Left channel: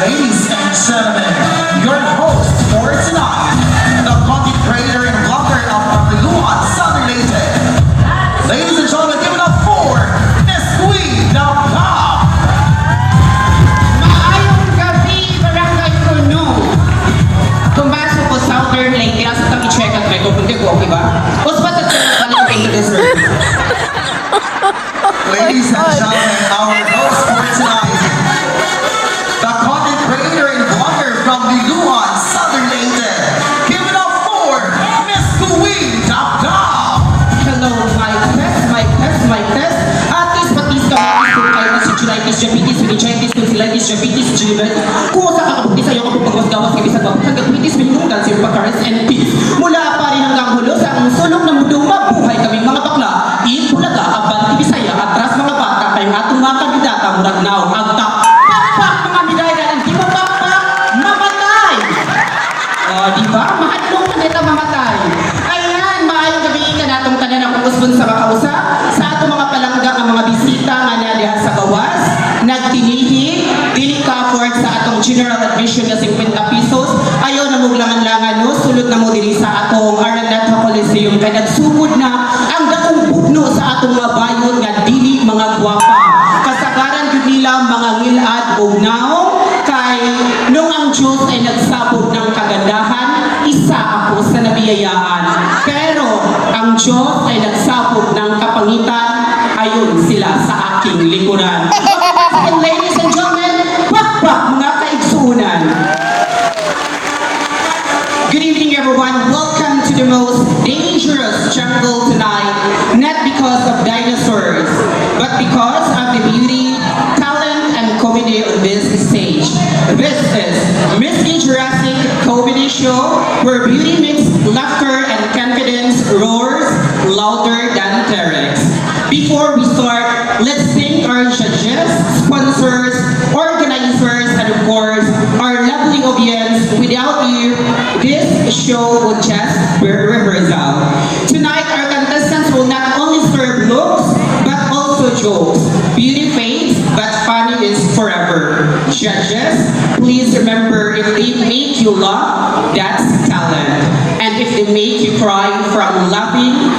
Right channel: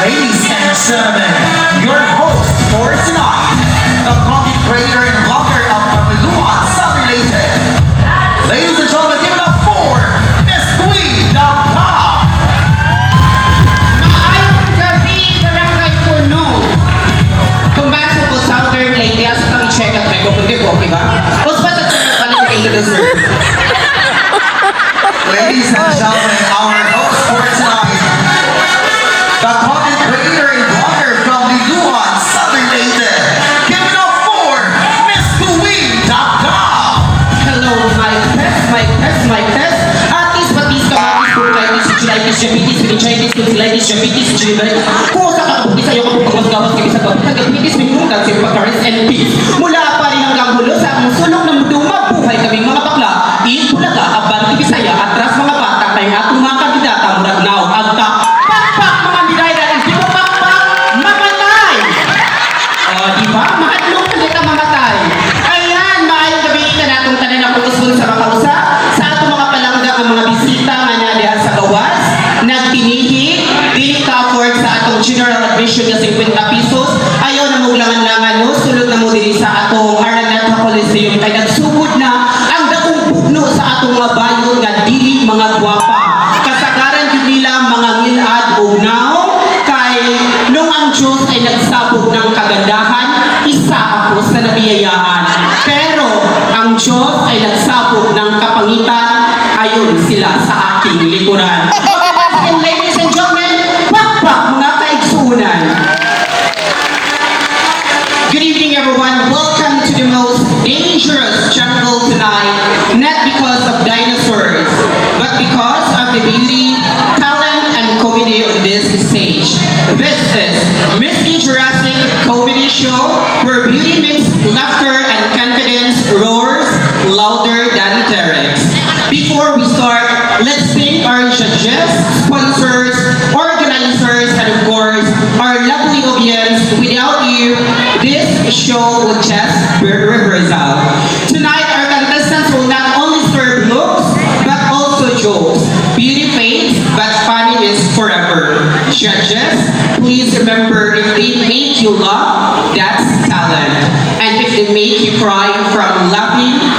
Ladies and gentlemen, your host for tonight, the content creator and blogger of Pamilua Subrelated. Ladies and gentlemen, give it up for Miss Queen of Pop. Maayong gabi, Barangay Puno. Tumasok ko Southern Leyte. Asa kami check out may kupunti ko, okay ba? Tapos ba sa qualifications? Ladies and gentlemen, our host for tonight, the content creator and blogger from Liluan Subrelated. Give it up for Miss Queen of Pop. Hello, my test. Atis, batis, kamatis, kulaitis, chilitis, japitis, vinichitis, tonsillitis, japitis, chilitis. Kung sa kakabuti sa'yo kapag pagmasgawas kami sa babit, hanggang pitis, minungan, sirpakaris, and peace. Mula pa rin hanggang hulo sa among sulok ng muduma, buhay kaming mga bakla. Iit, Bulaga, Kaban, Bisaya, atras mga bata, kayong atong mga kandidata, murag now, agta. Pakpak, mga nilay, hindi mo pakpak, mamatay! O, di ba? Mahadlong ka nila mamatay. Ayan, maayong gabi ka natong tanan ang pagkusbon sa makausa. Sa atong mga palangga ang mga bisita nga na diha sa gawas. Nagtinihi, dili ka afford sa atong general admission na 50 pesos. Ayaw na mong langan-langan, no? Sulod na mo dili sa atong Araneta Coliseum. Kaya nagsugod na ang daong pugno sa atong mga bayot nga dili mga gwapa. Kasagaran din nila mga ngilad o naong kay nung ang Diyos ay nagsabog ng kagandahan, isa ako sa nabiyayaan. Pero ang Diyos ay nagsabog ng kapangitan, ayon sila sa aking likuran. And ladies and gentlemen, pakpak mga kaigsuunan. Good evening everyone, welcome to the most dangerous jungle tonight, not because of dinosaurs, but because of the beauty, talent, and comedy on this stage. This is Miss Jurassic Comedy Show, where beauty meets laughter and confidence roars louder than lyrics. Before we start, let's thank our judges, sponsors, organizers, and of course, our lovely audience. Without you, this show would just be rehearsal. Tonight, our contestants will not only serve looks, but also jokes. Beauty fades, but funny is forever. Judges, please remember, if they make you laugh, that's talent. And if they make you cry from laughing,